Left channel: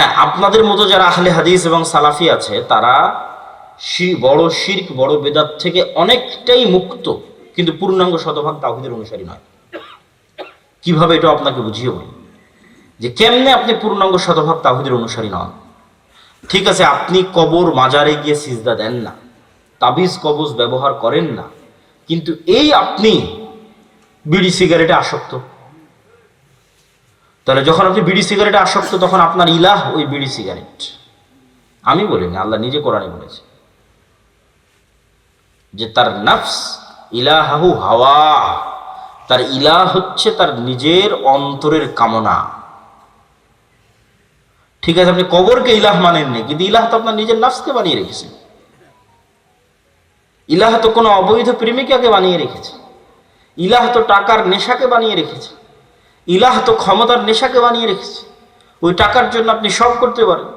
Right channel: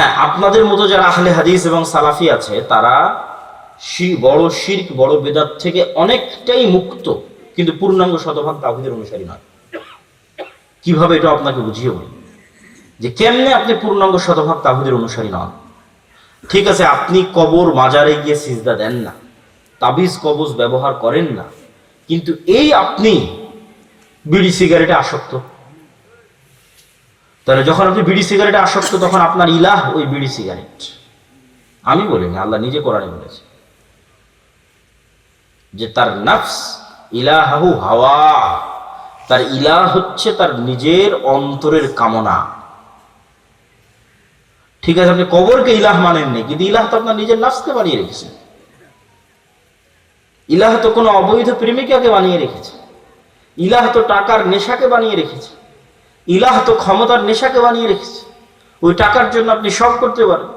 হ্যাঁ, আপনাদের মতো যারা আহলে হাদিস এবং সালাফি আছে তারা বড় শিরক বড় বেদাত থেকে অনেকটাই মুক্ত, কিন্তু পূর্ণাঙ্গ শতভাগ তাওহীদের অনুসারী নয়। কিভাবে এটা আপনাকে বুঝিয়ে বলি যে কেমনে আপনি পূর্ণাঙ্গ শতভাগ তাওহীদের অনুসারী নন। ঠিক আছে, আপনি কবর মাজারে গিয়ে সিজদা দেন না, তাবিজ কবজ ব্যবহার করেন না, কিন্তু এই আপনি বিড়ি সিগারেটে আসক্ত। তাহলে যখন আপনি বিড়ি সিগারেটে আসক্ত তখন আপনার ইলাহ ওই বিড়ি সিগারেট। আমি বলিনি, আল্লাহ নিজে কোরআনে বলেছে যে তার নফস ইলাহু হাওয়া, তার ইলাহ হচ্ছে তার নিজের অন্তরের কামনা। ঠিক আছে, আপনি কবরকে ইলাহ মানেননি, কিন্তু ইলাহ তো আপনার নিজের নফসকে বানিয়ে রেখেছে। ইলাহ তো কোনো অবৈধ প্রেমিকাকে বানিয়ে রেখেছে, ইলাহ তো টাকার নেশাকে বানিয়ে রেখেছে, ইলাহ তো ক্ষমতার নেশাকে বানিয়ে রেখেছে। ওই টাকার জন্য আপনি সব করতে পারেন,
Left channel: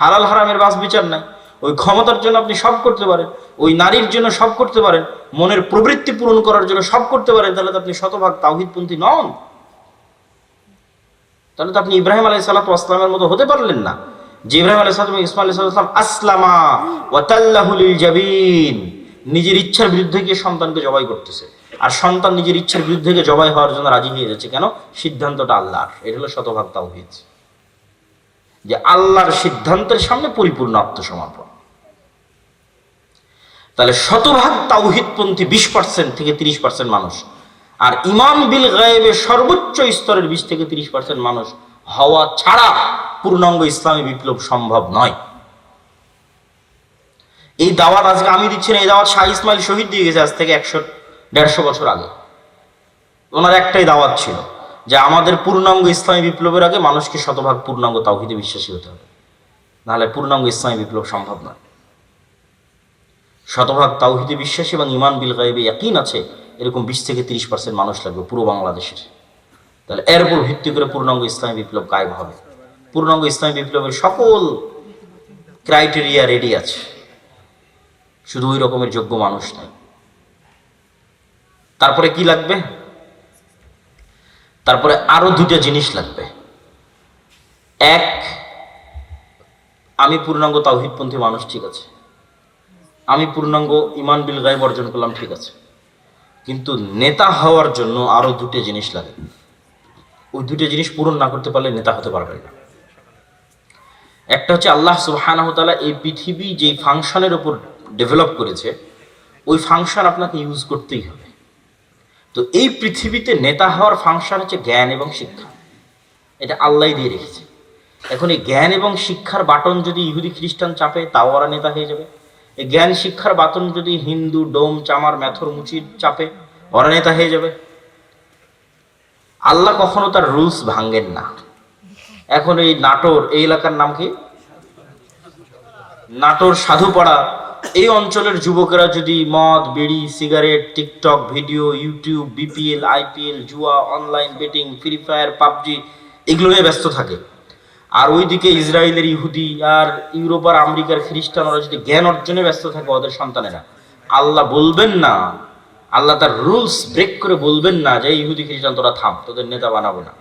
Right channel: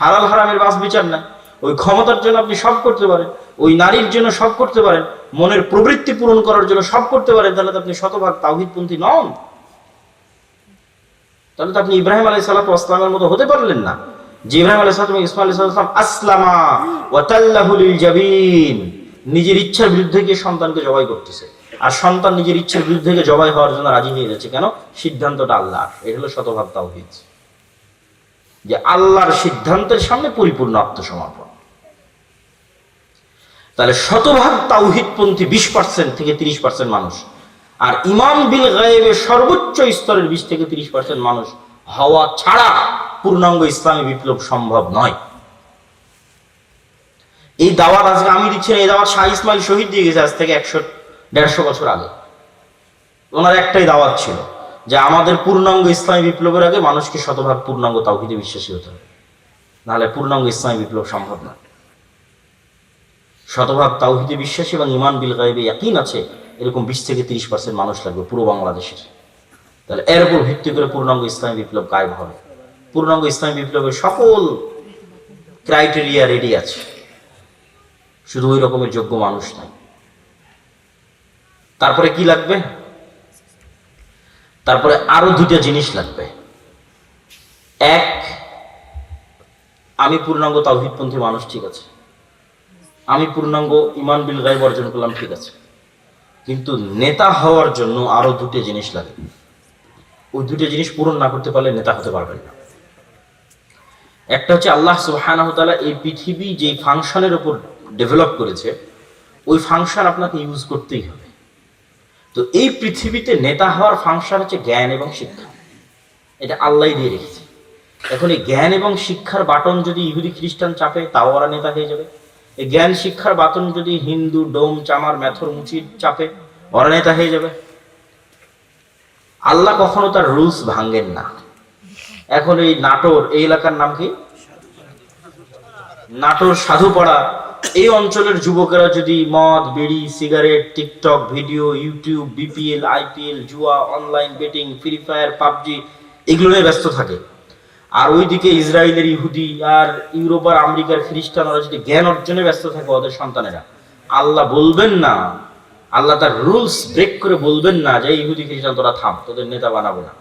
হালাল হারামের বাস বিচার নাই। ওই ক্ষমতার জন্য আপনি সব করতে পারেন, ওই নারীর জন্য সব করতে পারেন, মনের প্রবৃত্তি পূরণ করার জন্য সব করতে পারেন। তাহলে তো আপনি শতভাগ তাওহীদপন্থী নন। তাহলে তো আপনি ইব্রাহিম আলাইহিস সালাতু ওয়াস সালামের মতো হতে পারলেন না, যে ইব্রাহিম আলাইহিস সালাম ইসমাঈল আলাইহিস সালাম আসলামা ওয়া তাল্লাহু লিল জাবিন, নিজের ইচ্ছার বিরুদ্ধে গিয়ে সন্তানকে জবাই করতেছে, আর সন্তান নিজের ইচ্ছার বিরুদ্ধে গিয়ে জবাই হওয়ার জন্য রাজি হয়ে যাচ্ছে। কেন? সিদ্ধান্তটা আল্লাহর। এটা হলো শতভাগ তাওহীদ, যে আল্লাহর সিদ্ধান্তের সামনে পরিপূর্ণ আত্মসমর্পণ। তাহলে শতভাগ তাওহীদপন্থী 20% থেকে 30% মানুষ, আর ঈমান বিল গায়বের সর্বোচ্চ স্তরের 20 থেকে 30% মানুষ হওয়া ছাড়া পূর্ণাঙ্গ ইসলামী বিপ্লব সম্ভব নয়। এই দাওয়াত আজকে আমি দিচ্ছি না, এই দাওয়াত শাহ ইসমাইল শহীদ দিয়ে গেছে আজ থেকে 100-150 বছর আগে। ওনার একটাই দাওয়াত ছিল যে আমাদের পূর্ণাঙ্গ ইসলামী বিপ্লবের আগে মানুষকে শতভাগ পূর্ণাঙ্গ তাওহীদে বিশ্বাসী হতে হবে, নাহলে পূর্ণাঙ্গ ইসলামী বিপ্লব সম্ভব নয়। শতভাগ তাওহীদে বিশ্বাসী এবং ঈমান বিল গায়বে ইয়াকিন আছে এরকম 20 থেকে 30% মানুষ লাগবে পুরো বাংলাদেশের। তাহলে এর উপর ভিত্তি করে পূর্ণাঙ্গ ইসলামী বিপ্লব কায়েম হবে। পূর্ণাঙ্গ ইসলামী বিপ্লবের সকল ক্রাইটেরিয়া রেডি আছে, শুধু ওই রকমের যোগ্য মানুষ নাই। তারপরে কি লাগবে? তারপরে আরো দুটো জিনিস লাগবে। এক, আমি পূর্ণাঙ্গ তাওহীদপন্থী মানুষ, ঠিক আছে, আমি পূর্ণাঙ্গ ঈমান বিল গায়ব অর্জন করলাম, ঠিক আছে, কিন্তু নেতা হওয়ার জন্য আরো দুটো জিনিস লাগে। ওই দুটো জিনিস পূরণ না করতে পারলে নেতা হতে পারবেন না। একটা হচ্ছে আল্লাহ সুবহানাহু ওয়া তাআলা এই পৃথিবী যে ফাংশনের উপর ডেভেলপ করেছে ওই ফাংশন আপনাকে ইউজ করতেই হবে। তো এই পৃথিবীতে নেতা হওয়ার ফাংশন হচ্ছে জ্ঞান এবং শিক্ষা, এটা আল্লাহই দিয়ে রেখেছে। এখন এই জ্ঞান এবং শিক্ষার বাটন যদি ইহুদি খ্রিস্টান চাপে তাও ওরা নেতা হয়ে যাবে। এই জ্ঞান শিক্ষার বাটন যদি হিন্দু ডোম চামার মেথর মুচির চাপে ওরা নেতা হয়ে যাবে। আল্লাহ কখনো তার রুলস ভাঙেন না। এখন এই নাটোর, এই এলাকার নাম কি? নাটোর সাধুপাড়া, এই অঞ্চলের যুবকেরা যদি মদ বিড়ি cigarette TikTok video YouTube BPL IPL জুয়া online betting Free Fire PUBG এগুলো নিয়ে ব্যস্ত থাকে, আর ওইদিকে ইসরায়েলের ইহুদি আর ইউরোপ আর আমেরিকার খ্রিস্টানরা যদি জ্ঞান অর্জনে ব্যস্ত থাকে ওদের সন্তানেরা, আল্লাহ বলবেন না, আল্লাহ তার রুলস ব্রেক করে বলবেন না যে ইহুদি খ্রিস্টান তোরা থাম, তোদের নেতা বানাবো না।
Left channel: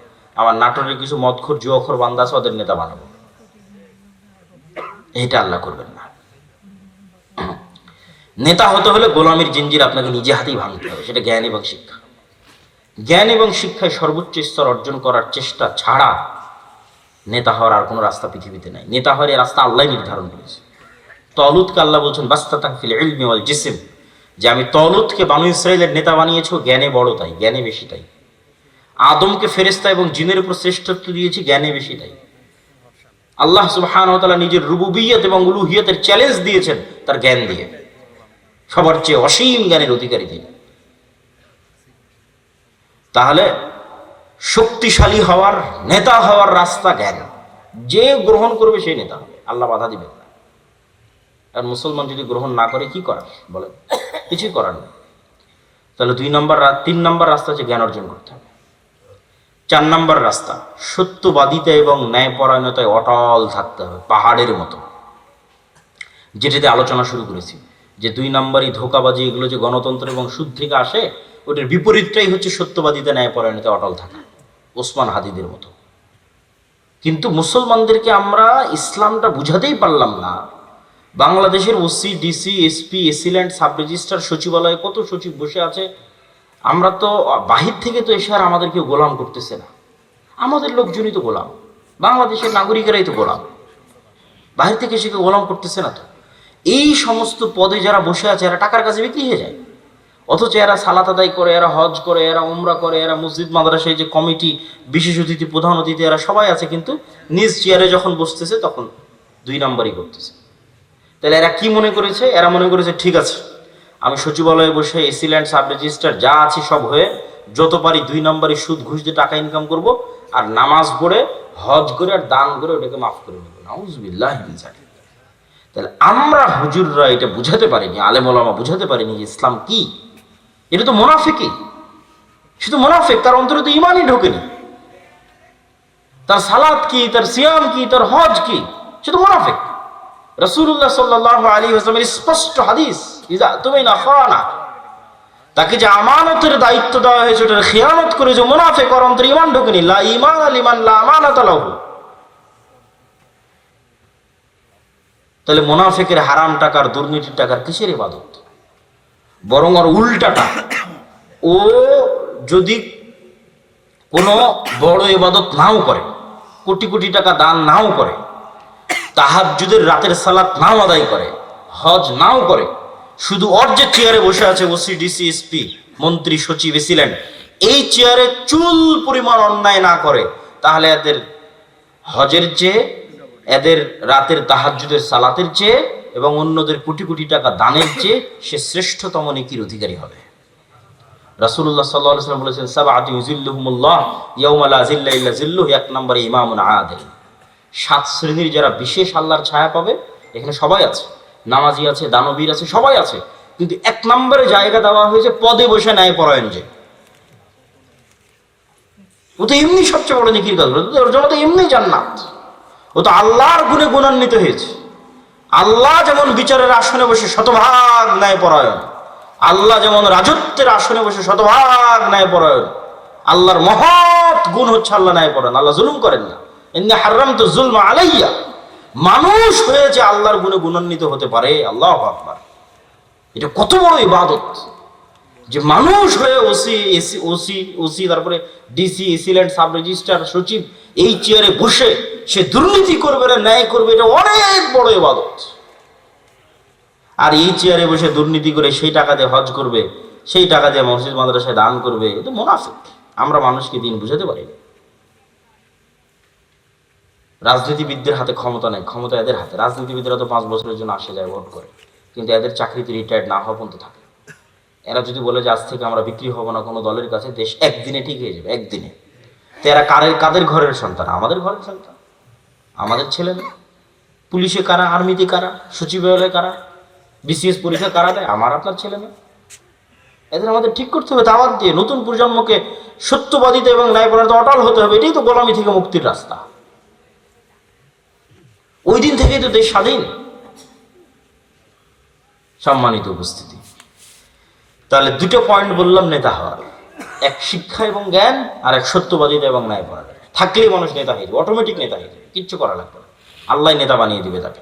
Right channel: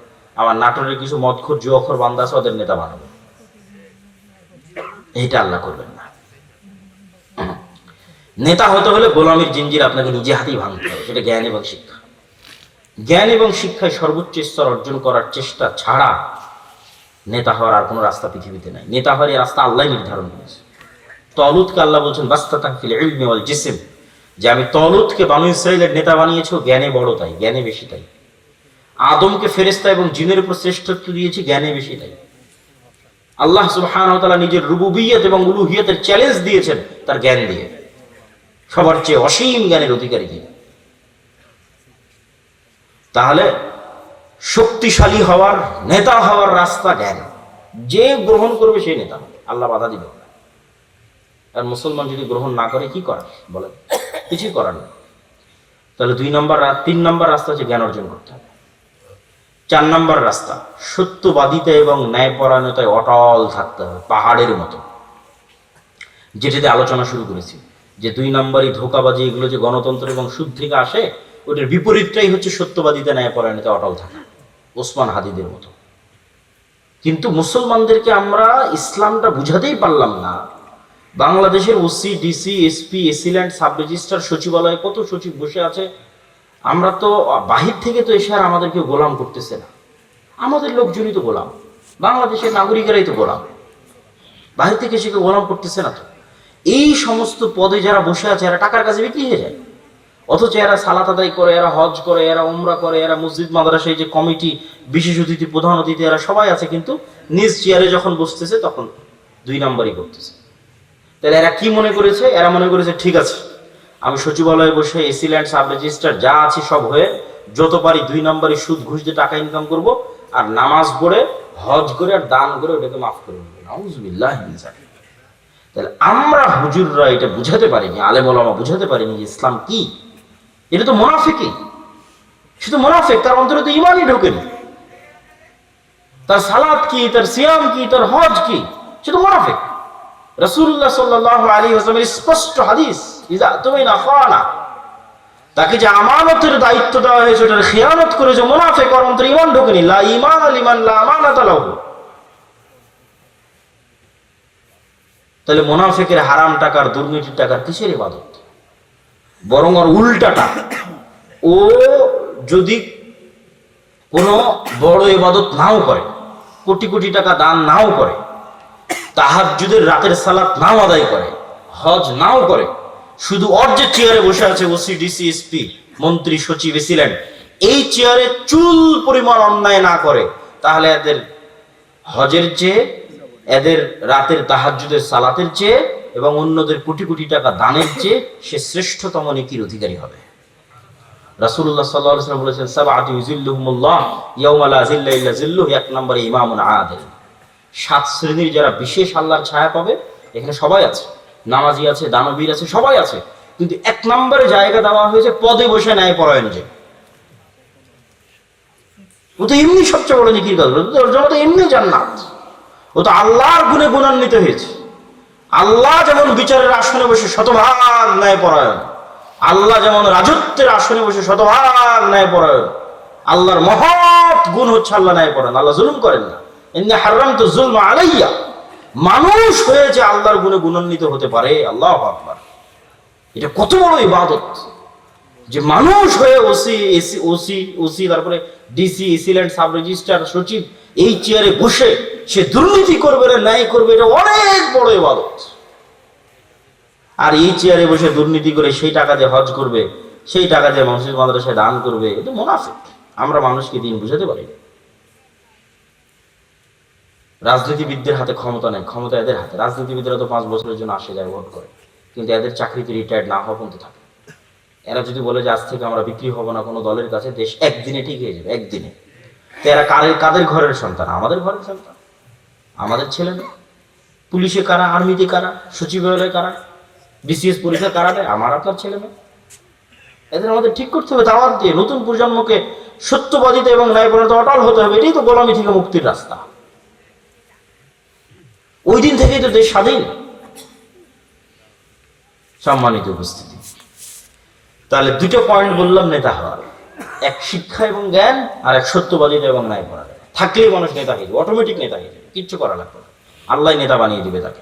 আমার নাটোরের কিছু মদখোর জুয়াখোর বান্দা আছে ওদের নেতা বানাবো, এইটা আল্লাহ করবেন না। নেতা হতে হলে গোলামীর জিঞ্জির আপনাকে নিজে হাতেই ভাঙতে হবে, সেটা জ্ঞান এবং শিক্ষা। জ্ঞান এবং শিক্ষায় সর্বোচ্চ স্তর অর্জন করার চেষ্টা ছাড়া নেতা হওয়ার আর কোনো রাস্তা পৃথিবীতে নাই। নেতা হওয়ার এই রাস্তা আল্লাহ নির্ধারণ করেছে। তলুতকে আল্লাহ বলছেন বাস্তাতান ফিল ইলমি ওয়াল জিসম, যে আমি তলুতকে বানু ইসরাইলের নেতা বানিয়েছি, জ্ঞানে বড় তাই, জ্ঞানে বেশি তাই। আদমকে ফেরেশতা এবং জিনের উপর শ্রেষ্ঠত্ব দিয়েছি, জ্ঞানে বেশি তাই। আল্লাহ সুবহানাহু ওয়া তাআলা নিজের রুবুবিয়্যত এবং উলুহিয়তের চ্যালেঞ্জ দিয়েছেন তার জ্ঞান দিয়ে, সবার চেয়ে অসীম জ্ঞানের অধিকারী তিনি। তাহলে শক্তিশালী হওয়ার নেতা হওয়ার রাস্তা জ্ঞান, যে গ্রহণ করবে সেই নেতা, আল্লাহ বাধা দিবেন না। আর মুসলমান যদি গ্রহণ না করে কি করার বলেন? কিছুই করার নেই। তাহলে 3 নম্বর রাস্তা হচ্ছে জ্ঞান অর্জন করতে হবে। 4 নম্বর রাস্তা সত্যবাদিতা এবং ন্যায়পরায়ণতায় অটল থাকতে হবে, পাহাড়ের মতো। যেটাতে আলোচনা শুরু করেছি যে 2 নম্বরই ধোঁকাবাজি, এগুলো যে গণতন্ত্র এবং সুদ থেকে আসে, ওটার বিপরীতটাই হচ্ছে সত্যবাদিতা ন্যায়পরায়ণতায় অটল থাকা, ওসমান হাদিদের মতো। কিন্তু মুসলমানদেরকে আমরা ইসলামটা বুঝাতেই পারলাম না। বাংলাদেশের OC, DC, SP, AC land, sub registrar, সচিবালয়ে কত সচিব বসে আছে। আমরা তো বাহির থেকে তো এসে আর আমাদেরকে গোলাম করতেছে না, আমাদের লোকজনই তো গোলাম, বাংলাদেশের নাগরিকেরাই তো গোলাম, বাহির থেকে এসে গোলাম করতেছে না তো। এই সমস্ত পদে যারা বসে আছে এরা টাকার কাছে বিক্রি হয়ে যায়, অথচ এরা সালাত আদায় করে, এরা হজ করে, এরা উমরা করে, এরা মসজিদ মাদ্রাসায় যে কমিটি, বিশেষ অতিথি, প্রধান অতিথি, এরা সবাই আছে, কিন্তু নিজ চেয়ারে যখন বসতেছে তখন 2 নাম্বারই করতেছে। তাহলে এরা কি মনে করেছে? এরা মনে করেছে ঠিক আছে, আমি সচিবালয়ে বসে এসিল্যান্ড, সাব রেজিস্ট্রার যা আছে সব হয়ে যত পারি 2 নাম্বারই সুদ ঘুষ দিয়ে টাকা ইনকাম করব, আর নামাজ পড়ে হজ করে আর দান করে ওটাকে মাফ করে নেব। নাউজুবিল্লাহ। তাহলে আমরা হুজুররা এটা বুঝাতে পারিনি, আলেম ওলামা বুঝাতে পারিনি যে ইসলাম কি। এটা তো মুনাফিকই, শুধু মুনাফিক, তার অন্তরে তো ইমানই ঢোকেনি। তার সালাত কি, তার সিয়াম কি, তার হজ কি, শুধু মুনাফিক। রাসূলুল্লাহ সাল্লাল্লাহু আলাইহি ওয়াসাল্লামের স্পষ্ট হাদিস, ইযা তুমিনা খানা, তাকে যে আমানতের দায়িত্ব দেওয়া হয়েছে ওটার খিয়ানত করে যে মুনাফিক, ওর অন্তরে ঈমান ঢোকেনি। লা ঈমান লিমান লা আমানাতা লাহু। তাহলে মুনাফিকের হারাম টাকার, দুর্নীতির টাকার কিসের ইবাদত? বরং ওর উল্টাটা, ও যদি কোনো বড় ইবাদত নাও করে, কোটি কোটি টাকা দান নাও করে, তাহাজ্জুদের রাতের সালাত নাও আদায় করে, হজ নাও করে, শুধু ওর যে চেয়ারে বসে আছে ওসি, ডিসি, এসপি, মন্ত্রী, সচিব, এসিল্যান্ড, এই চেয়ারে চুল পরিমাণ অন্যায় না করে, তাহলে এদের হজের চেয়ে, এদের রাতের তাহাজ্জুদের সালাতের চেয়ে এবং অন্যদের কোটি কোটি টাকা দানের চেয়ে সে শ্রেষ্ঠতম নেকির অধিকারী হবে। রাসূলুল্লাহ সাল্লাল্লাহু আলাইহি ওয়াসাল্লাম বলেছেন, সাবআতু ইউযিল্লুহুমুল্লাহ ইয়াওমা লা যিল্লা ইল্লা যিল্লুহু। 1 নম্বরে ইমামুন আদিল। 7 শ্রেণীর যারা বিশেষ আল্লাহর ছায়া পাবে, এখানে সবাই আছে, নামাজি আছে, দানবীর আছে, সবাই আছে, কিন্তু 1 নম্বরে জায়গা দেওয়া হয়েছে পদে বসে ন্যায়পরায়ণ যে। ও তো এমনি সবচেয়ে বড় নেকির কাজ, ওর জন্য তো এমনি জান্নাত। ও তো আল্লাহর গুণে গুণান্বিত হয়েছে। আল্লাহ যেমন বিচারের আসনে বসে শতভাগ ন্যায়পরায়ণ, আল্লাহ যেমন রাজত্বের আসনে বসে শতভাগ ন্যায়পরায়ণ, আল্লাহর মহৎ গুণ হচ্ছে আল্লাহ ন্যায়পরায়ণ। আল্লাহ জুলুম করেন না। ইন্নী হারামতু যুলমা আলাইয়া। মানুষ হয়েছে আল্লাহর গুণে গুণান্বিত হতে পারে। আল্লাহু আকবার। এটা কত বড় ইবাদত যে মানুষ হয়ে ওসি, তারপরে ডিসি, এসিল্যান্ড, সাব রেজিস্ট্রার, সচিব, এই চেয়ারে বসে সে দুর্নীতি করবে না ন্যায় করবে, এটা অনেক বড় ইবাদত। আর এই চেয়ারে বসে দুর্নীতি করে সেই টাকা দিয়ে হজ করবে, সেই টাকা দিয়ে মসজিদ মাদ্রাসায় দান করবে, এটা মুনাফিক। আমরা মানুষকে দিন বুঝাতে পারি। রাজনীতিবিদদের হাতে ক্ষমতা নেই, ক্ষমতা এদের হাতে। রাজনীতিবিদরা তো 5 বছরের জন্য আসে যায়, ভোট করে, কিন্তু এদের চাকরিতে রিটায়ার্ড না হওয়া পর্যন্ত থাকে। এরা যদি বলে যে আজ থেকে আমরা বিক্রি হব না কোনো দলের কাছে, দেশ একদিনে ঠিক হয়ে যাবে, একদিনে। তো এরা কাদের ঘরের সন্তান? আমাদের ঘরের সন্তান, আমাদের ছেলে মেয়ে। পুলিশে কারা, আর্মিতে কারা, সচিবালয়ে কারা, বিসিএস পরীক্ষা কারা দেয়? আমার আপনার ছেলে মেয়ে। এদের আমাদের ঠিক করতে হবে দাওয়াত দিয়ে। নতুন প্রজন্মকে সত্যবাদিতা এবং ন্যায়পরায়ণতা অটল হতে হবে। এটাই তো গোলামি থেকে মুক্তির রাস্তা। ওই দিন থেকেই তো দেশ স্বাধীন। সম্মানিত উপস্থিতি, তাহলে 2টো পয়েন্ট বললাম নেতা হওয়ার, এক শিক্ষা এবং জ্ঞান, আর এক সত্যবাদিতা এবং ন্যায়পরায়ণতা। থাকলেই মানুষ নেতা হয়ে যাবে, অটোমেটিক নেতা হয়ে যাবে, কিচ্ছু করা লাগবে না, আল্লাহ নেতা বানিয়ে দিবে তাকে।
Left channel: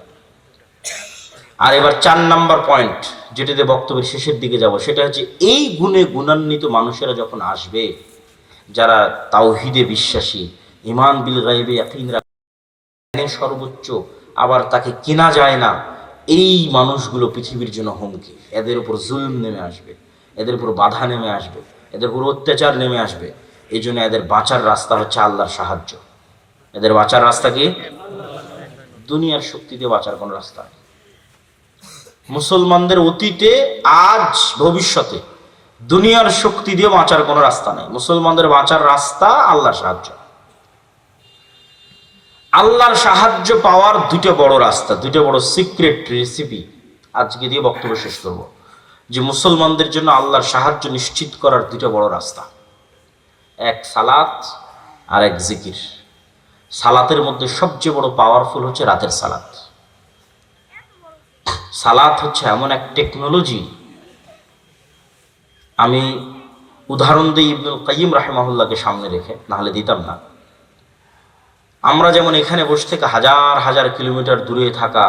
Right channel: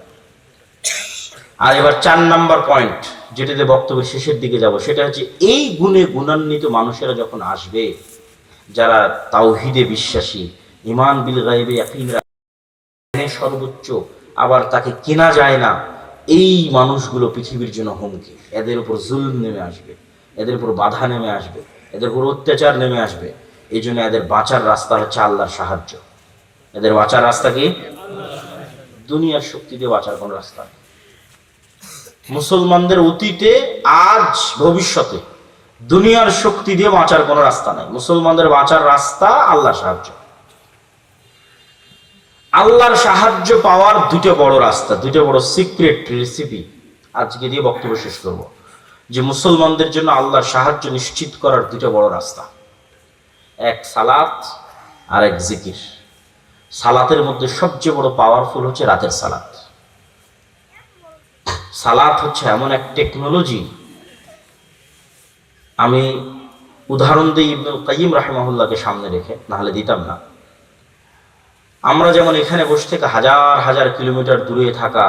আর এবার 4 নাম্বার পয়েন্ট, যেটাতে বক্তব্যের শেষের দিকে যাব, সেটা হচ্ছে এই গুণে গুণান্বিত মানুষেরা যখন আসবে, যারা তাওহীদে বিশ্বাসী, ঈমান বিল গায়বে ইয়াকিন রাখে, সর্বোচ্চ, আবার তাকে কেনা যায় না, এই মানুষগুলো পৃথিবীর জন্য হুমকি। এদের উপর জুলুম নেমে আসবে, এদের উপর বাধা নেমে আসবে, এদের উপর অত্যাচার নেমে আসবে। এই জন্য এদের বাঁচার রাস্তা হচ্ছে আল্লাহর সাহায্য। এদের বাঁচার রাস্তা কি? দুনিয়ার শক্তি দিয়ে বাঁচার কোন রাস্তা নেই। মুসলমানদের অতীতে, আজ, ভবিষ্যতে দুনিয়ার শক্তি দিয়ে বাঁচার কোনো রাস্তা নাই। মুসলমানদের বাঁচার রাস্তা আল্লাহর সাহায্য। আল্লাহর সাহায্য পাওয়ার 2টা বড় রাস্তা, 2টা বড় সিক্রেট রেসিপি আজকে দিয়ে বক্তব্য শেষ করব। যে মুসলমানদের জন্য আল্লাহর সাহায্য নিশ্চিত করার 2টা বড় রাস্তা, এক সালাত আর এক জিকির। সালাতের মধ্যে সবচেয়ে বড় পাওয়ারফুল হচ্ছে রাতের সালাত। সালাত হচ্ছে এমন এক টেকনোলজি, আমি উদাহরণ দিই ইবনুল কাইয়িম রাহিমাহুল্লাহকে সামনে রেখে, নাহলে দিতাম না। আমরা যেমন এখানে বসে থেকে হাজার হাজার কিলোমিটার দূরে থাকা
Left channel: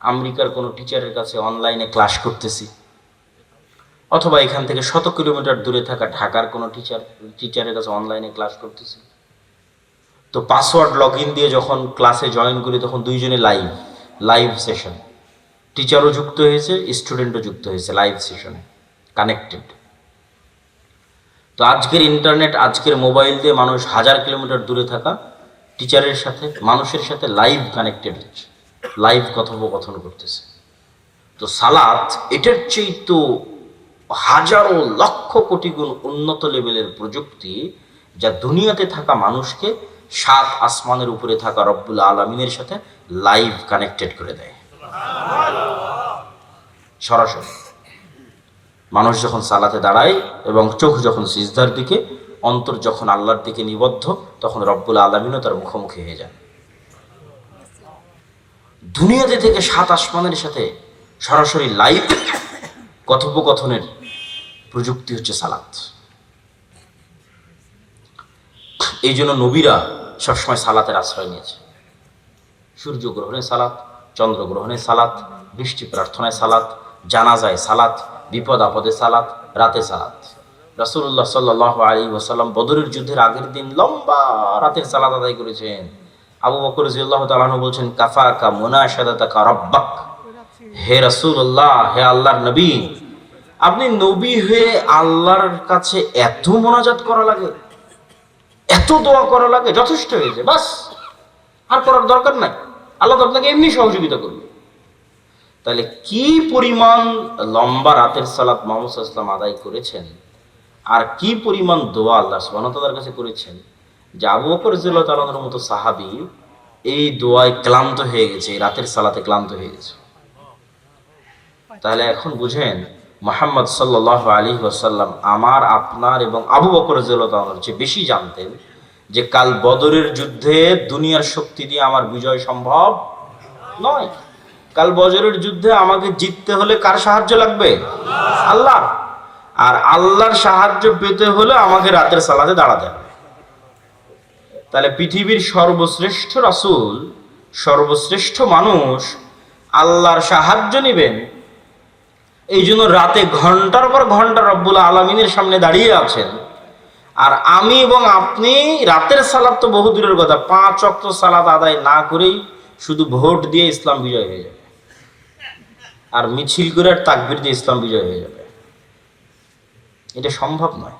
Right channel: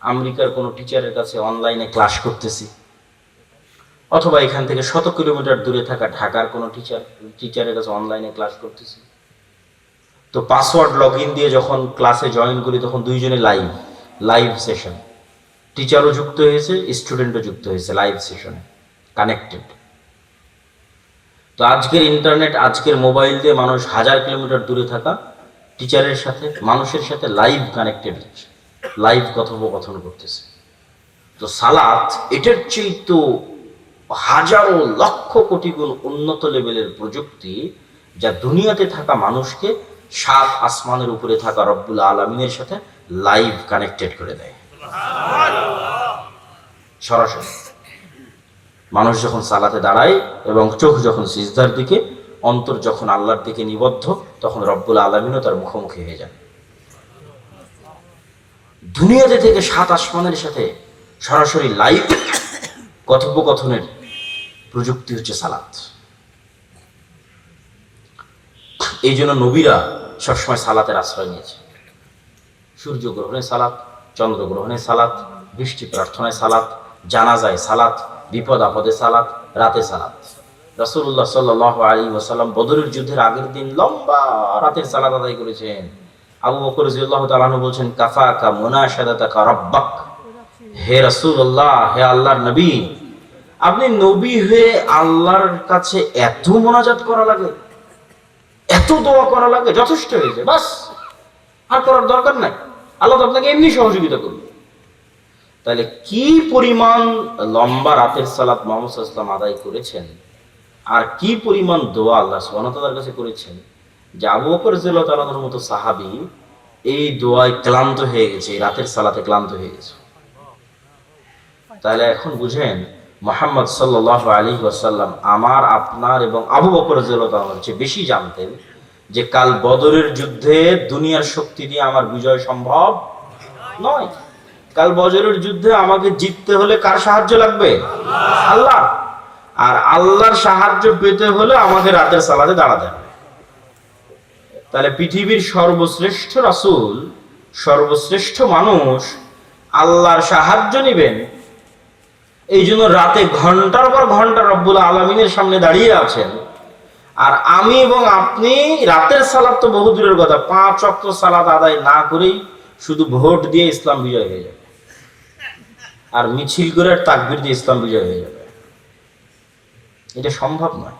আমেরিকার কোনো টিচারের কাছে অনলাইনে ক্লাস করতেছি, অথবা এখান থেকে 100 কিলোমিটার দূরে থাকা ঢাকার কোনো টিচারের কাছে অনলাইনে ক্লাস করতেছি, তো পাসওয়ার্ড লগ ইন দিয়ে যখন ক্লাসে জয়েন করি তখন দুইজনে লাইভ সেশন, টিচারও যুক্ত হয়েছে, স্টুডেন্টও যুক্ত হয়েছে লাইভ সেশনে, কানেক্টেড। তো আজকের ইন্টারনেট, আজকের মোবাইল দিয়ে মানুষ হাজার কিলোমিটার দূরে থাকা টিচারের সাথে, মানুষের সাথে লাইভ কানেক্টেড হচ্ছে, লাইভ কথোপকথন করতেছে। তো সালাত এটার চেয়ে তো হাজারো লক্ষ কোটি গুণ উন্নত লেভেলের প্রযুক্তি, যা দুনিয়াতে থাকা মানুষকে 7 আসমানের উপরে থাকা রব্বুল আলামিনের সাথে লাইভ কানেক্টেড করে দেয় সরাসরি। মানুষ যখন সালাতে দাঁড়ায় এবং চোখ যখন সিজদার দিকে, অন্তর যখন আল্লাহর দিকে নিবদ্ধ, তখন রব্বুল আলামিনও তার মুখোমুখি হয়ে যান। দুনিয়াতে থেকে 7 আসমানের সাথে সরাসরি লাইভ কথোপকথনের প্রযুক্তি হচ্ছে সালাত। এই জন্য নবীরা সবসময় সালাতের আশ্রয় নিয়েছে। সূর্য গ্রহণে সালাত, চন্দ্র গ্রহণে সালাত, বৃষ্টি প্রার্থনায় সালাত, জানাজায় সালাত, বিপদ আপদে সালাত, রাতে সালাত। রাসূলুল্লাহ সাল্লাল্লাহু আলাইহি ওয়াসাল্লাম বদরের যুদ্ধের আগের দিন লম্বা রাতের সালাত আদায় করেছেন। আবু বকর রাদিয়াল্লাহু তাআলা আনহু বলছেন, কাফাকা মুনাশাদাতাকা রাব্বাক, হে রাসূলুল্লাহ, হে আল্লাহর নবী, আপনি নবী হয়ে আল্লাহর কাছে এত মোনাজাত করা লাগে, এত দোয়া করা লাগে, যথেষ্ট হয়েছে, বাস, আর করার দরকার নাই, আল্লাহ তো আপনাকে এমনি সহযোগিতা করবে। তাহলে কি পরিমাণ লম্বা রাতের সালাত মুহাম্মদ সাল্লাল্লাহু আলাইহি ওয়াসাল্লাম আদায় করেছেন, আর কি পরিমাণ দোয়া আল্লাহ সুবহানাহু ওয়া তাআলার কাছে করেছেন, যে আবু বকর রাদিয়াল্লাহু তাআলার মতো সাহাবী এই দোয়ায় ক্লান্ত হয়ে গেছে, এই রাতের সালাতে ক্লান্ত হয়ে গেছে। তাহলে এখন বুঝেন, মুহাম্মদ সাল্লাল্লাহু আলাইহি ওয়াসাল্লাম আমার, আপনার এবং আবু বকর রাদিয়াল্লাহু তাআলার চেয়ে বেশি জানতেন যে কাল বদরের যুদ্ধে দুনিয়ার শক্তি দিয়ে আমার বিজয় সম্ভব নয়। কাল বদরের যুদ্ধে আমাকে জিততে হলে কার সাহায্য লাগবে? আল্লাহ। আর আল্লাহর সাহায্য পেতে হলে আমাকে রাতের সালাতে দাঁড়াতে হবে। তাহলে পৃথিবীর সর্বশ্রেষ্ঠ রাসূল, সর্বশ্রেষ্ঠ মানুষ আল্লাহর সাহায্য নেবেন, এই জন্য রাতে ঘন্টার পর ঘন্টা রব্বুল আলামিনের সামনে দাঁড়িয়ে আছেন। আর আমি এবং আপনি রাতের সালাত তো বহু দূরের কথা, 5 ওয়াক্ত সালাত আদায় না করেই শুধু ভোট দিয়ে ইসলাম বিজয় হয়ে যাবে, আর মিছিল করে আর তাকবীর দিয়ে ইসলাম বিজয় হয়ে যাবে, এটা সম্ভব নয়।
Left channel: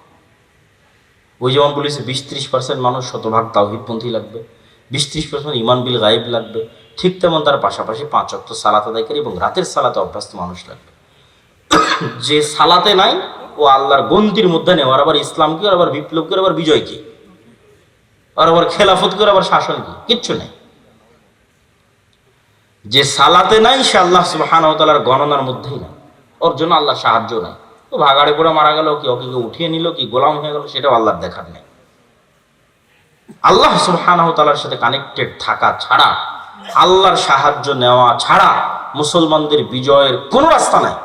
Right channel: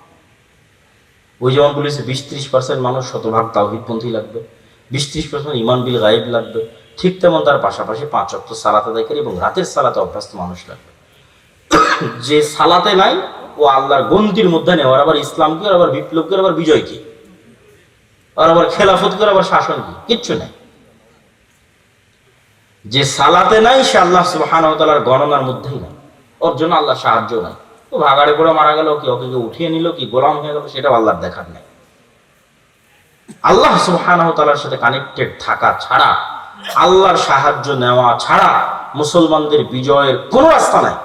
ওই যেমন বলেছে 20-30% মানুষ শতভাগ তাওহীদপন্থী লাগবে, 20-30% ঈমান বিল গায়ব লাগবে, ঠিক তেমন তার পাশাপাশি 5 ওয়াক্ত সালাত আদায়কারী এবং রাতের সালাতে অভ্যস্ত মানুষ লাগবে। যে সালাতে নাই ও আল্লাহর গন্তির মধ্যে নেই, ওর আবার ইসলাম কি, ওর আবার বিপ্লব কি, ওর আবার বিজয় কি, ওর আবার খেলাফত কি, ওর আবার শাসন কি, কিচ্ছু নেই। যে সালাতে নাই সে আল্লাহ সুবহানাহু ওয়া তাআলার গণনার মধ্যেই না, ওর জন্য আল্লাহ সাহায্য নাই। ও ভাগাড়ে পড়ে মারা গেল কি, ওকে উঠিয়ে নিল কি, গোলাম হয়ে গেল, সেটা আল্লাহর দেখার নেই। আল্লাহ সুবহানাহু ওয়া তাআলার সাথে কানেক্টেড থাকা ছাড়া, আল্লাহর সাহায্য নেওয়া ছাড়া মুসলমানদের বিজয়ের কোনো রাস্তা নাই।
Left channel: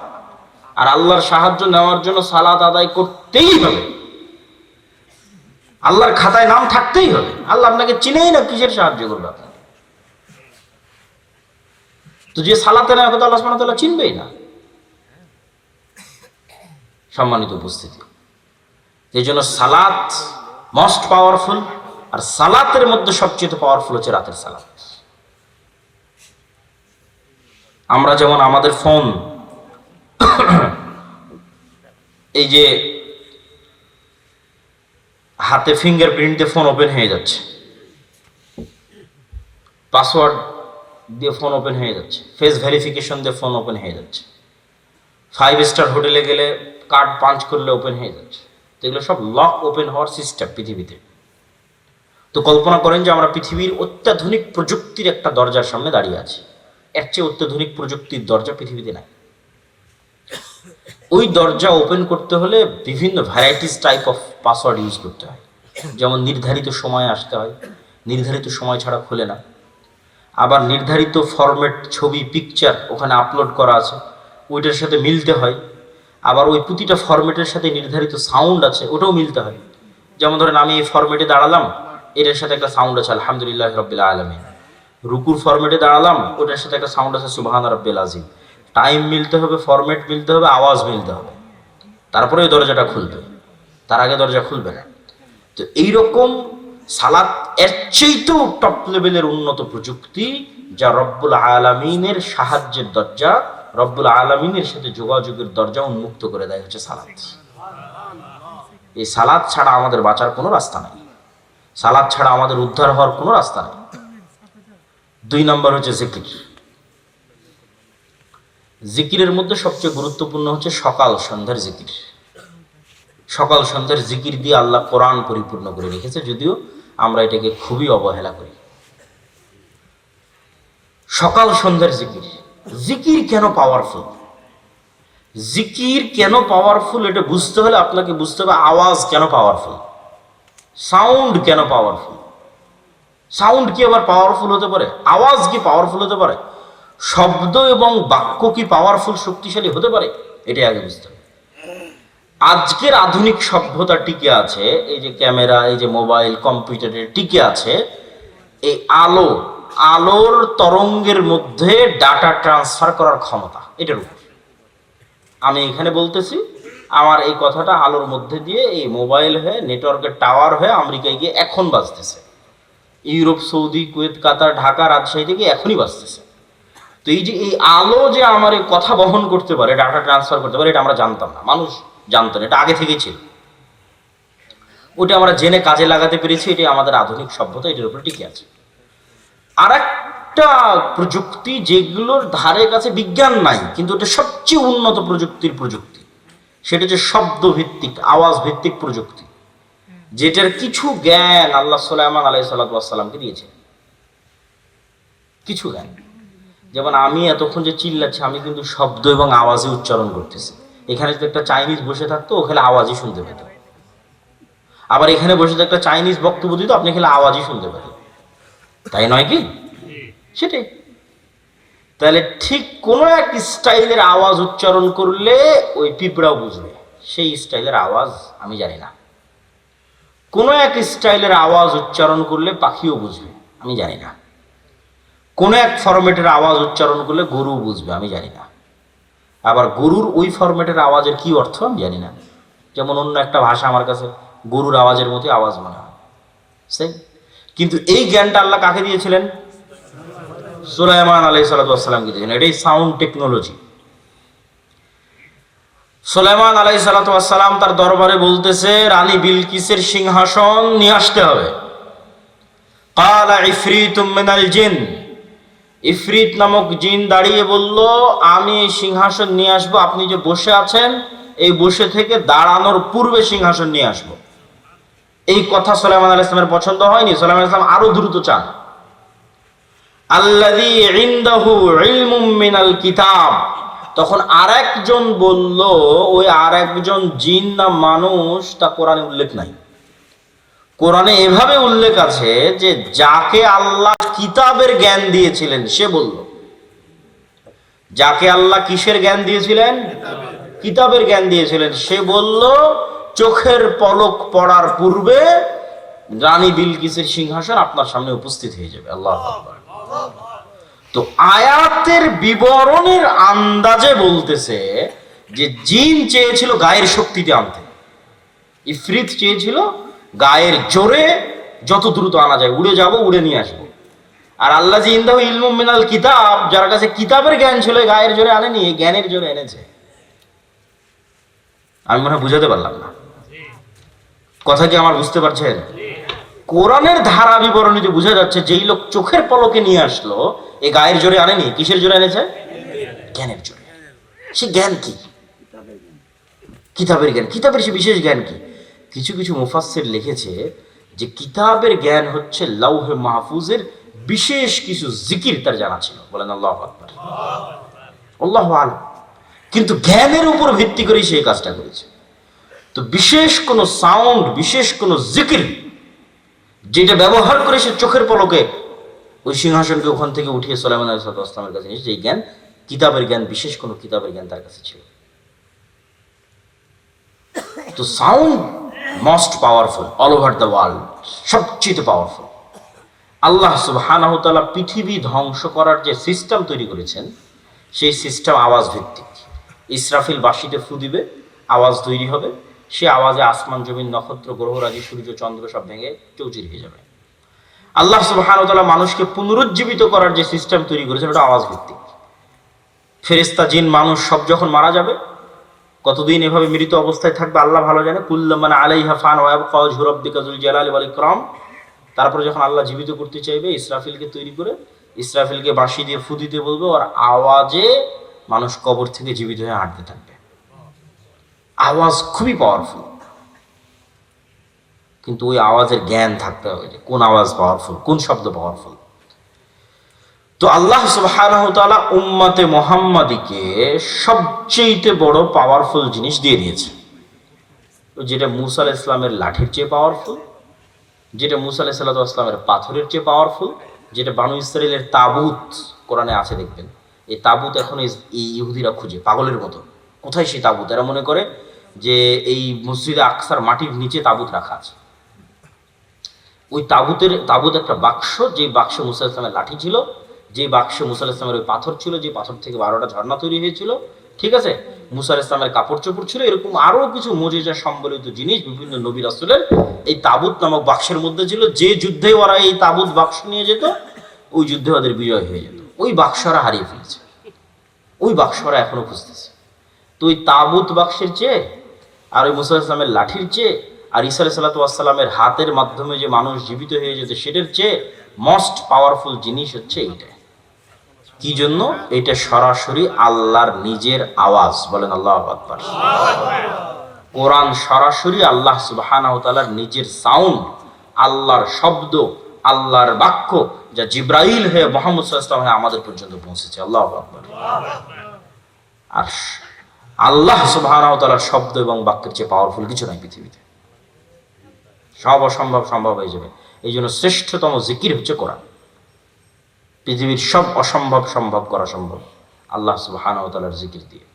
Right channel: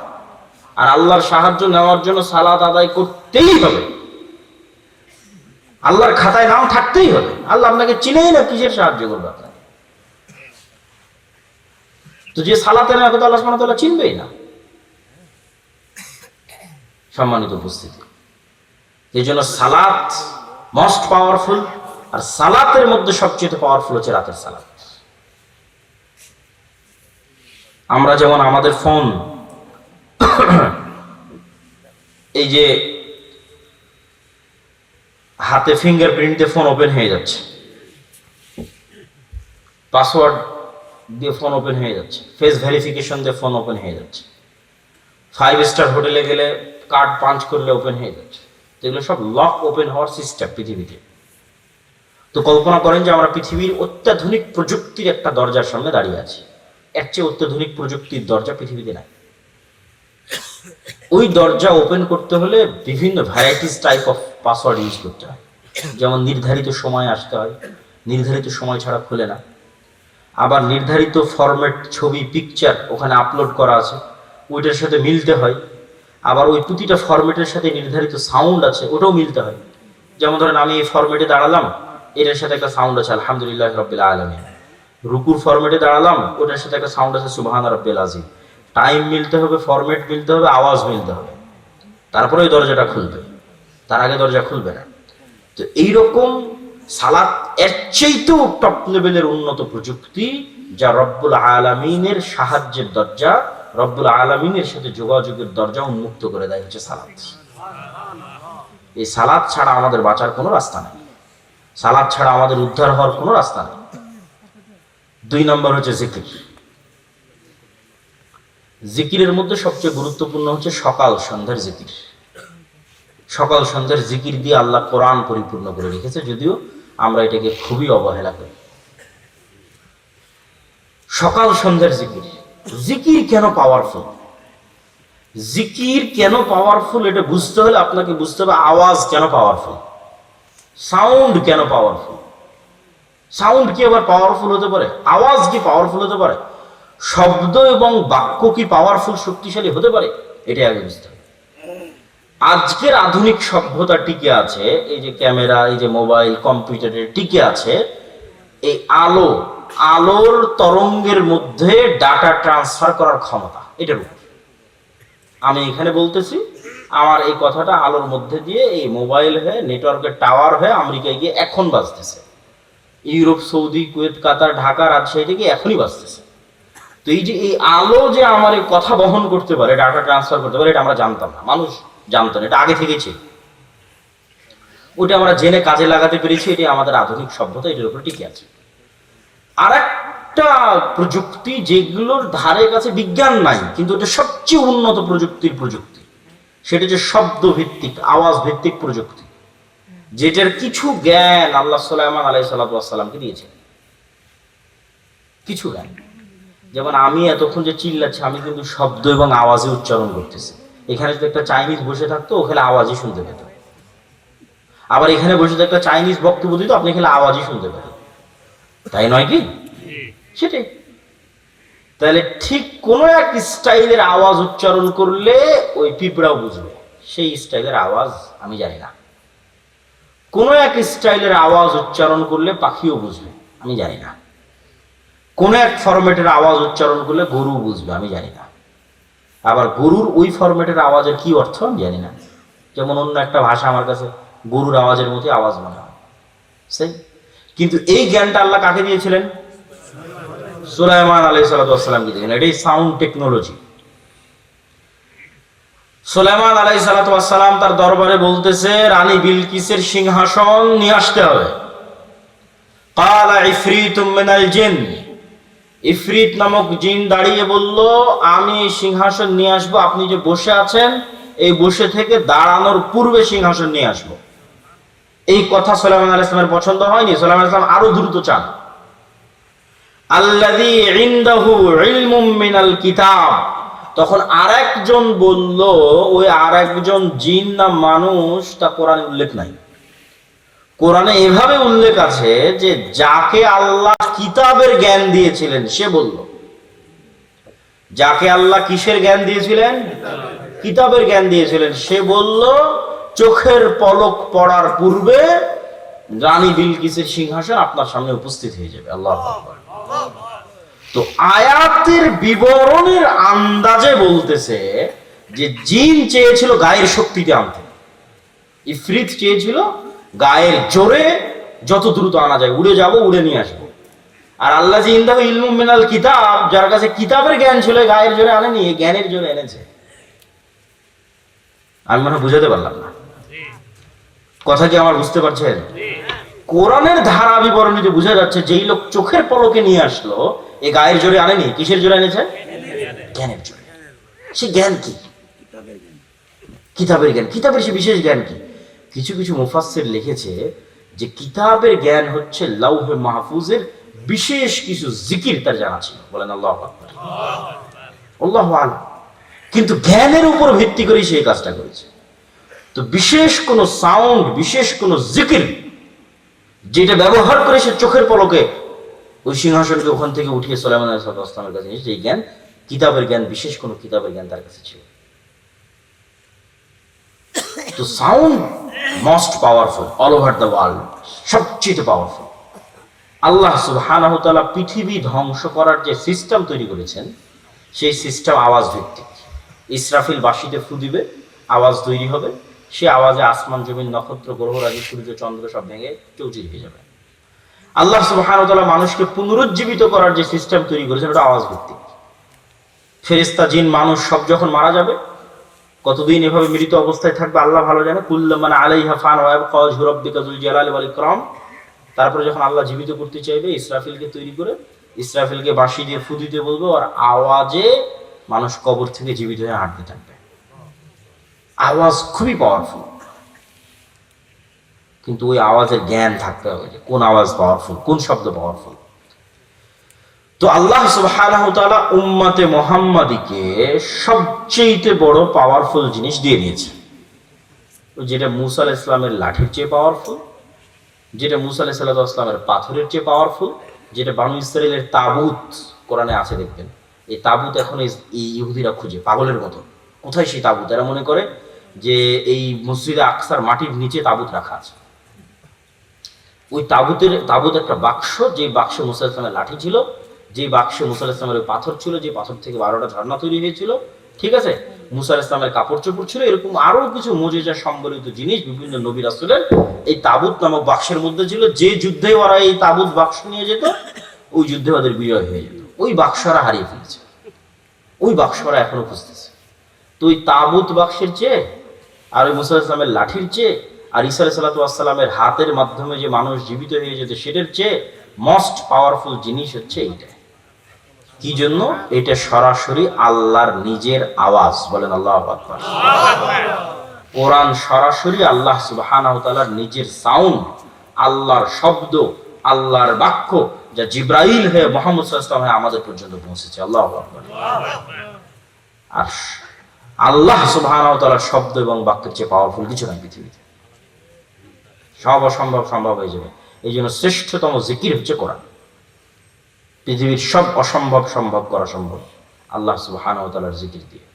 আর আল্লাহর সাহায্য নেওয়ার জন্য সালাত আদায় করতেই হবে, আল্লাহর খাতায় নাম থাকতেই হবে। আল্লাহ আপনাকে চিনেই না, কিসের সাহায্য করবে আপনাকে? তো যে সালাতে না, আল্লাহ সুবহানাহু ওয়া তাআলা চিনবেই না। সম্মানিত উপস্থিতি, এই জন্য সালাত মোস্ট পাওয়ারফুল, আর সালাতের মধ্যে সবচেয়ে পাওয়ারফুল হচ্ছে রাতের সালাত। আমরা যেমন আমাদের ফোন, এই যে হাতে ফিঙ্গারপ্রিন্ট দিয়ে ফোন ওপেন হয়ে যাচ্ছে, পাসওয়ার্ড দিয়ে ফোন ওপেন হয়ে যাচ্ছে, ফেস ভেরিফিকেশন দিয়ে ফোন ওপেন হয়ে যাচ্ছে, 5 স্টার হোটেলে গেলে কার্ড পাঞ্চ করলে ওপেন হয়ে যাচ্ছে। এগুলো সব লক ওপেন হওয়ার সিস্টেম পৃথিবীতে। তো কল্পনা করেন যে আমরা পৃথিবীর অত্যাধুনিক প্রযুক্তির একটা দরজার সামনে দাঁড়িয়ে আছি, এর চেয়ে অত্যাধুনিক প্রযুক্তির দরজা পৃথিবীতে নাই। ওই দরজা ওপেন করতে হলে বিভিন্ন varieties type of password use করতে হয়। যেমন নির্ধারিত সময় আসতে হয়, নির্ধারিত সময় ছাড়া খোলে না। আবার নির্ধারিত ফরম্যাট ছবি, পিকচার ওখানে আপলোড করা আছে, ওইটার সাথে মিলতে হয়। আবার ওই প্রতিটা ফরম্যাটের সাথে নির্ধারিত সাউন্ড আছে, ওটাও মিলতে হয়। যেমন ধরেন আমি এই ফরম্যাটে দাঁড়ালাম, এটার সাথে একটা সাউন্ড আছে আলহামদুলিল্লাহ রাব্বিল আলামিন। রুকুর ফরম্যাটে দাঁড়ালাম, ওটার সাথে একটা সাউন্ড আছে সুবহানা রাব্বিল আযীম। টাইম মিলতে হবে, ফরম্যাট মিলতে হবে, আওয়াজ মিলতে হবে, তারপরে ওই দরজাটা খুলবে, তার আগে দরজা খুলবে না। তো এইরকম সালাত এর চাইতেও টপ লেভেলের উন্নত প্রযুক্তি, যা রব্বুল আলামিনের সাহায্যের দরজা, রব্বুল আলামিনের সাথে যোগাযোগের দরজা উন্মুক্ত করে দেয় হচ্ছে সালাত। এই সালাত ছাড়া আমাদের বাঁচার কোনো রাস্তা নেই, সালাত ছাড়া আমাদের উদ্ধার হওয়ার কোনো রাস্তা নেই। 2 নম্বর হচ্ছে জিকির। জিকিরের মধ্যে সবচেয়ে গুরুত্বপূর্ণ হচ্ছে সকাল সন্ধ্যার জিকির। সকাল সন্ধ্যার জিকির দিয়ে আল্লাহ কোরআন পরিপূর্ণ করে রেখেছে, যদিও আমরা এটাকে খুবই অবহেলা করি। সকাল সন্ধ্যার জিকির। জিকির কেন পাওয়ারফুল? জিকির কেন পাওয়ারফুল এটা বুঝতে হলে আপনাকে বুঝতে হবে আওয়াজ কেন পাওয়ারফুল, সাউন্ড কেন পাওয়ারফুল। সাউন্ড কি আবার পাওয়ারফুল হতে পারে? আওয়াজ কি পাওয়ারফুল হতে পারে? শব্দ এবং বাক্য কি পাওয়ারফুল, শক্তিশালী হতে পারে? এটাই আগে বুঝতে হবে। আজকের আধুনিক সভ্যতা টিকে আছে, এই যে ক্যামেরা, এই যে মোবাইল, কম্পিউটারে টিকে আছে এই আলোর তরঙ্গের মধ্যে ডাটা ট্রান্সফার করার ক্ষমতা, এটার উপর। আমি এখানে বলতেছি, আমার এই কথাটা আলোর মধ্যে দিয়ে এই মোবাইল হয়ে, নেটওয়ার্কের টাওয়ার হয়ে আমেরিকায় গিয়ে এখন বাজতেছে, ইউরোপ, সৌদি, কুয়েত, কাতার, ঢাকা, রাজশাহী থেকে এখনই বাজতেছে। তো এই যে এই আলো যে আমার এই কথা বহন করতে পারে, ডাটা ট্রান্সফার করতে পারে, এটা আমরা জানতাম না, মানুষ জানতো না, এটা আগে থেকেই ছিল। ওটা আমরা জেনে কাজে লাগাতে পেরেছি, এটি আমাদের আধুনিক সভ্যতা, এটার উপরে টিকে আছে। আর একটা প্রযুক্তি যেগুলোর ধারে কাছে বিজ্ঞান নাই, কিন্তু এটা সবচেয়ে উন্নত প্রযুক্তি, সেটা যে শব্দ ভিত্তিক, আওয়াজ ভিত্তিক প্রযুক্তি, যেটার কিছু জ্ঞান আল্লাহ সুলাইমান আলাইহিস সালামকে দিয়েছেন। কিছু জ্ঞান, যেমন আমি এতক্ষণ যে চিল্লাচ্ছি, আমি কিন্তু শব্দ এবং আওয়াজে উচ্চারণ করতেছি। এখানে যদি একটা চাইনিজ বসে থাকতো, ওখানে আওয়াজই শুনতে পেত। আবার এখানে বসে একটা চাইনিজ বক্তব্য দিত, আপনি খেলে আওয়াজই শুনতে পেতেন, তাই নয় কি? সেটাই। তাহলে ঠিক কোন এক স্টাইলের আওয়াজ উচ্চারণ করলে ওই পিঁপড়াও বুঝবে, সেই স্টাইলের আওয়াজ আমি জানি না। কোন এক স্টাইলের আওয়াজ উচ্চারণ করলে পাখিও বুঝবে, আমি জানি না। কোন এক ফরম্যাটের আওয়াজ উচ্চারণ করলে গরু বুঝবে, আমি জানি না। আবার গরুর ওই ফরম্যাটের আওয়াজের কি অর্থ আমি জানি না। যেমন অন্য একটা ভাষা আমার কাছে গরুর আওয়াজের মতো আওয়াজ মনে হয়, সেই। কিন্তু এই জ্ঞানটা আল্লাহ কাকে দিয়েছিলেন? সুলাইমান আলাইহিস সালামকে দিয়েছিলেন। এটাই সাউন্ড টেকনোলজি। সুলাইমান আলাইহিস সালাম তার দরবারে বলতেছে, রানী বিলকিসের সিংহাসন নিয়ে আসতে হবে। ক্বালা ইফরিতুম মিনাল জিন, ইফরিত নামক জিন দাঁড়িয়ে বলল, আমি এই সিংহাসন নিয়ে আসবো, আপনি যে বসে আছেন এই বসে থেকে দাঁড়ানোর পূর্বে সিংহাসন নিয়ে আসবো। এই কথা সুলাইমান আলাইহিস সালামের পছন্দ হয়নি। সুলাইমান আলাইহিস সালাম আরো দ্রুত চান। আল্লাযী ইনদাহু ইলমুম মিনাল কিতাব, তখন আরেকজন বলল, ওই আরেকজন জিন না মানুষ তা কোরআনে উল্লেখ নাই। কোরআনে এভাবে উল্লেখ আছে যে যাকে আল্লাহ কিতাবের জ্ঞান দিয়েছিলেন সে বলল। যাকে আল্লাহ কিসের জ্ঞান দিয়েছিলেন? কিতাবের জ্ঞান দিয়েছিলেন, সে বলল চোখের পলক পড়ার পূর্বে রানী বিলকিসের সিংহাসন আপনার সামনে উপস্থিত হয়ে যাবে। আল্লাহু আকবার। তো আয়াতের বিবরণের আন্দাজে বলতেছে যে জিন চেয়েছিল গায়ের শক্তিতে আনতে, ইফরিত চেয়েছিল গায়ের জোরে যত দ্রুত আনা যায়, উড়ে যাব, উড়ে নিয়ে আসবো। আর আল্লাহ জি ইনদাহু ইলমুম মিনাল কিতাব, যার কাছে কিতাবের জ্ঞান ছিল, গায়ের জোরে আনেনি, জ্ঞানের জোরে এনেছে। আমি মনে বুঝাতে পারলাম না কথা, কি আমার বুঝতে পারছেন? কোরআনের ধারা বিবরণীতে বোঝা যাচ্ছে যেই লোক চোখের পলকে নিয়ে আসলো, এ গায়ের জোরে আনেনি, কিসের জোরে এনেছে? জ্ঞানের জোরে। সে জ্ঞান কি? কিতাবের জ্ঞান। কিতাবের সে বিশেষ জ্ঞান কি? কিছু কিছু মুফাসসির লিখেছে যে কিতাবের জ্ঞান হচ্ছে লাউহে মাহফুজের বিশেষ কিছু জিকির তার জানা ছিল। বলেন আল্লাহু আকবার। আল্লাহু আ'লাম। কিন্তু জ্ঞানের উপর ভিত্তি করে সেই কাজটা করেছে। তো বিশেষ কোন সাউন্ড, বিশেষ কোন জিকির যেটা ব্যবহার করে সে চোখের পলকে ওই সিংহাসনকে ওখান থেকে উঠিয়ে সুলাইমান আলাইহিস সালামের কাছে নিয়ে, সেই জ্ঞান কিতাবের জ্ঞান, বিশেষ কোন কিতাবের জ্ঞান তার কাছে ছিল। তো sound most powerful all over the world, সবচেয়ে পাওয়ারফুল। আল্লাহ সুবহানাহু ওয়া তাআলা পৃথিবী ধ্বংস করার যে সিস্টেম তৈরি করেছেন, সেই সিস্টেম আওয়াজ ভিত্তিক। ইসরাফিল বাঁশিতে ফু দিবে, আওয়াজ তৈরি হবে, সে আওয়াজে আসমান জমিন নক্ষত্র গ্রহরাজি সূর্য চন্দ্র সব ভেঙে চৌচির হয়ে যাবে। আল্লাহ সুবহানাহু ওয়া তাআলা মানুষকে পুনরুজ্জীবিত করার যে সিস্টেম তৈরি করেছেন, ওটা আওয়াজ ভিত্তিক। ফেরেশতা জিন মানুষ সব যখন মারা যাবে, কতদিন এভাবে মৃত অবস্থায় থাকবে আল্লাহ ভালো জানে। কুল্লুমান আলাইহা ফান ওয়া ইয়াবকা ওয়াজহু রাব্বিকা যুল জালালি ওয়াল ইকরাম। তারপরে যখন আল্লাহ জীবিত করতে চাইবে, ইসরাফিলকে তৈরি করে ইসরাফিলকে বাঁশি দিয়ে ফু দিতে বলবে, আর আওয়াজে মানুষ কবর থেকে জীবিত হয়ে হাঁটতে থাকবে। আওয়াজ খুবই পাওয়ারফুল, কিন্তু ওই আওয়াজের জ্ঞান থাকতে হবে যে কোন আওয়াজ পাওয়ারফুল, কোন শব্দ পাওয়ারফুল। তো আল্লাহ সুবহানাহু ওয়া তাআলা উম্মতে মুহাম্মাদীকে সবচেয়ে বড় পাওয়ারফুল জিনিস দিয়ে দিয়েছে, যেটা মূসা আলাইহিস সালামের লাঠির চেয়ে পাওয়ারফুল, যেটা মূসা আলাইহিস সালামের পাথরের চেয়ে পাওয়ারফুল, যেটা বানু ইসরাইলের তাবুত কোরআনে আছে দেখবেন। এই তাবুত এখন এই ইহুদিরা খুঁজে পাগলের মতো, কোথায় সেই তাবুত? এরা মনে করে যে এই মসজিদে আকসার মাটির নিচে তাবুত রাখা আছে। ওই তাবুত একটা বাক্স, যে বাক্সে মূসা আলাইহিস সালামের লাঠি ছিল, যে বাক্সে মূসা আলাইহিস সালামের ওই পাথর ছিল, যে পাথর থেকে 12টা ঝর্ণা তৈরি হয়েছিল, ঠিক আছে, মূসা আলাইহিস সালামের কাপড় চোপড় ছিল, এরকম আরো কিছু মুজিজা সম্বলিত জিনিস বিভিন্ন নবী রাসূলের এই তাবুত নামক বাক্সের মধ্যে ছিল। যে যুদ্ধে ওরা এই তাবুত বাক্স নিয়ে যেত, ওই যুদ্ধে ওদের বিজয় হয়ে যেত। ওই বাক্সরা হারিয়ে ফেলেছে, ওই বাক্সরা এখনো খুঁজতেছে। তো ওই তাবুত বাক্সের চেয়ে আর ওই মূসা আলাইহিস সালামের লাঠির চেয়ে আর ঈসা আলাইহিস সালামের হাতের মাধ্যমে যে মানুষ জীবিত হয়ে যেত, সেটার চেয়ে মোস্ট পাওয়ারফুল জিনিস হচ্ছে এইটা। কি জন্য? এটা সরাসরি আল্লাহর নিজের আওয়াজ। বলেন আল্লাহু আকবার। কোরআন সরাসরি আল্লাহ সুবহানাহু ওয়া তাআলার নিজের সাউন্ড, আল্লাহর শব্দ, আল্লাহর বাক্য, যা জিবরাইল হয়ে মুহাম্মদ সাল্লাল্লাহু আলাইহি ওয়াসাল্লাম আমাদের পর্যন্ত পৌঁছেছে। আল্লাহু আকবার। আর আল্লাহ সুবহানাহু ওয়া তাআলার শব্দ এবং বাক্যের চেয়ে পাওয়ারফুল কিছু নাই পৃথিবীতে। সব অসম্ভব সম্ভব হয়ে যাবে। এই জন্য শ্রেষ্ঠতম জিকির হচ্ছে কোরআন। পৃথিবীর সব অসম্ভব সম্ভব করা সম্ভব আল্লাহ সুবহানাহু ওয়া তাআলার জিকির দিয়ে।